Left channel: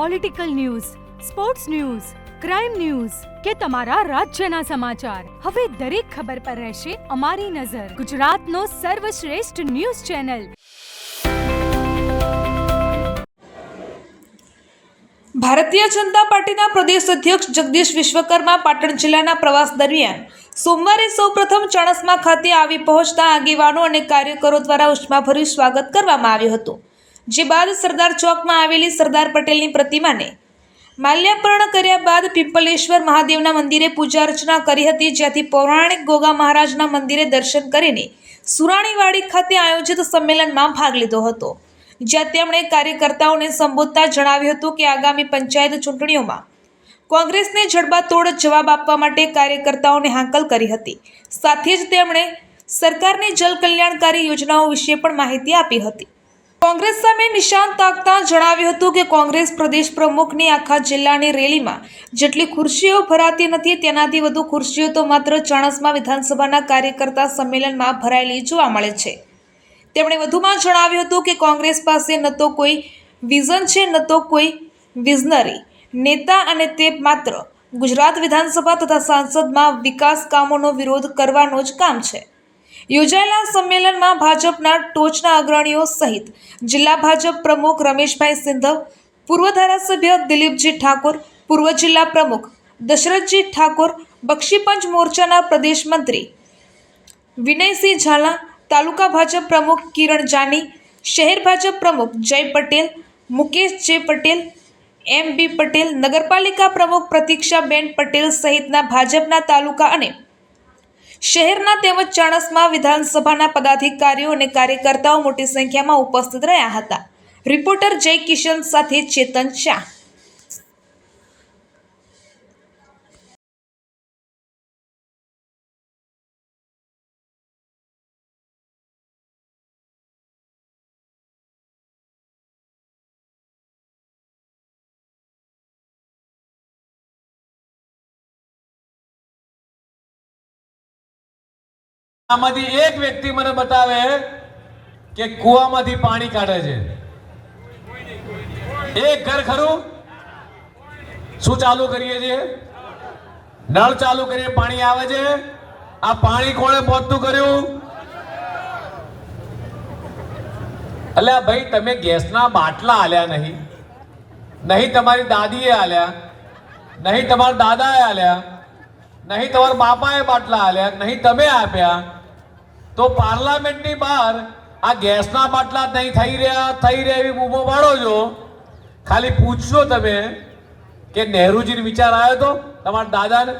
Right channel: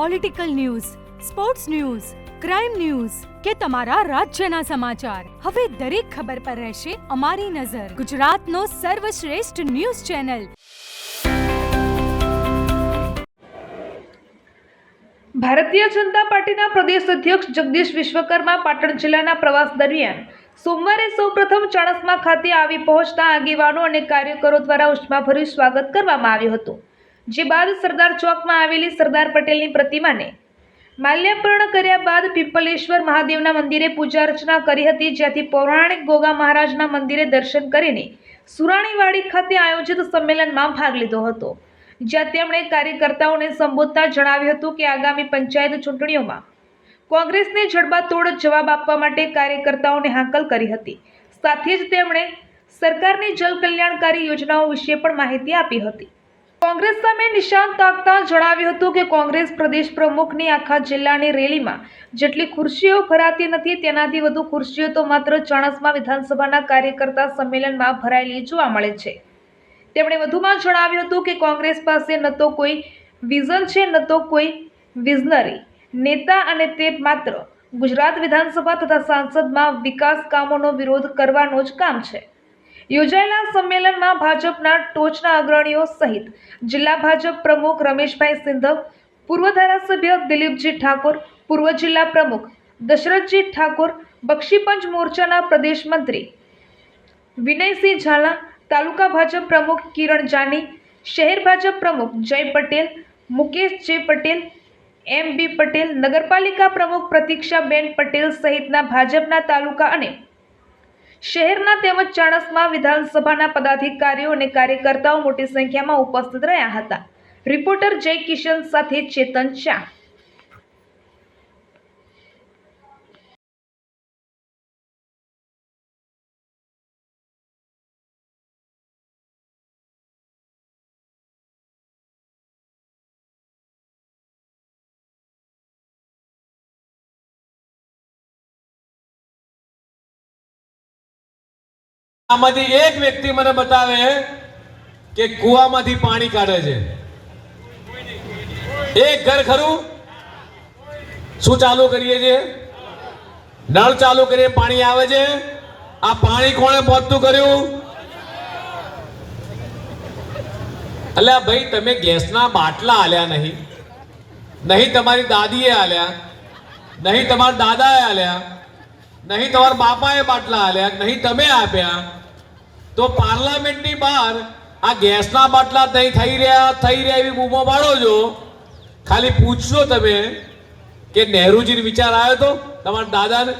Political news, sports news, crime news કે તમારા રાજ્યના સમાચાર, હવે દરેક ખબર પર રહેશે અમારી નજર. ગુજરાતનો સર્વશ્રેષ્ઠ ન્યૂઝ ચેનલ. ભારતીય જનતા પાર્ટીના પ્રદેશ અધ્યક્ષ જગદીશ વિશ્વકર્મા પાટણ જિલ્લાના પ્રવાસ દરમિયાન સોમવારે સૌપ્રથમ ચાણસ્મા ખાતે આવી પહોંચતા આગેવાનો અને કાર્યકરો દ્વારા ઉષ્માભર્યું સ્વાગત કરવામાં આવ્યું હતું. જે બાદ સરદાર ચોકમાં આવેલી સરદાર પટેલની પ્રતિમાને માલ્યાર્પણ કર્યા બાદ પિંપલેશ્વર મહાદેવના મંદિરે પૂજા અર્ચના કરી હતી, જ્યાંથી પૌરાણિક ગોગા મહારાજના મંદિરે દર્શન કરીને સુરાણીવાડી ખાતે આયોજિત સંમેલનમાં ભાગ લીધો હતો, જ્યાં તેમણે કાર્યકર્તાઓને સંબોધતા જણાવ્યું હતું કે આગામી પંચાયત ચૂંટણીઓમાં કોંગ્રેસને જડબાતોડ જવાબ આપવા માટે કાર્યકર્તાઓને હાકલ કરી હતી. સાથે જ તેમણે સરકારની જલ કલ્યાણકારી યોજનાઓ વિશે પણ માહિતી આપી હતી. કોંગ્રેસ સામે નિશાન તાકતા જણાવ્યું હતું કે કોંગ્રેસ પ્રદેશ પ્રમુખની આખા જિલ્લાની રેલીમાં જેટલી ખુરશીઓ ભરાતી નથી, તેનાથી વધુ ખુરશીઓ તો માત્ર ચાણસ્મા વિધાનસભાના કાર્યકર્તા સંમેલનમાં ભરાયેલી જોવા મળે છે. તેમણે વધુમાં જણાવ્યું હતું કે કોંગ્રેસ પાસે ન તો કોઈ વિઝન છે, ન તો કોઈ વિઝનરી નેતા, અને તે માત્ર ગુજરાત વિધાનસભા તથા સાંસદમાં વિકાસ કામોનો વિરોધ કરવાનો જ કામ છે. યોજાયેલા સંમેલનમાં ભાજપના ટોચના અગ્રણીઓ સહિત જિલ્લા ભાજપ પ્રમુખ રમેશભાઈ સિંધવ, પૂર્વ ધારાસભ્ય દિલીપજી ઠાકોર, પૂર્વ જિલ્લા પ્રમુખ દશરથજી ઠાકોર, બક્ષીપંચ મોરચાના પ્રદેશ મંત્રી વિનયસિંહ ઝાલા, તાલુકા ભાજપ પ્રમુખ કિરણ જાની, શહેર ભાજપ પ્રમુખ જય પટેલ, મુકેશ જે પટેલ, એમ.બી. પટેલ, નગરપાલિકા પ્રમુખ પ્રતીક્ષાબેન પટેલ સહિતના ભાજપના તાલુકા અને શહેરના તેમજ ચાણસ્મા વિધાનસભાના પદાધિકારીઓ અને કાર્યકર્તાઓ મોટી સંખ્યામાં ઉપસ્થિત રહ્યા હતા. રિપોર્ટર જય કિશન સાથે ચેતન શાહ. આમાંથી એક વ્યક્તિ મને બતાવે કે કુવામાંથી પાણી કાઢે છે. એક ઘર ખરું? શું ચાલુ કરીએ છીએ? નળ ચાલુ કરીએ, પાણી આવે છે. આ પાણી કોણે પહોંચતું કર્યું? અલ્યા ભાઈ, તમે ગેસના બાટલા આલ્યા નહીં, નહીં તમારી દાદીએ આલ્યા, નહીં તમારા દાદાએ આલ્યા, નહીં તમારા બાપાએ બાટલા આલ્યા, નહીં તમે આપ્યા, તો પાર્લામેન્ટની બહાર આ ગેસના બાટલા નહીં થઈ રહ્યા એવી બૂમો પાડો છો. ખાલી પૂછશો તમે કે નહેરુજીને વિચાર આવ્યો તો તમારા દાદાને?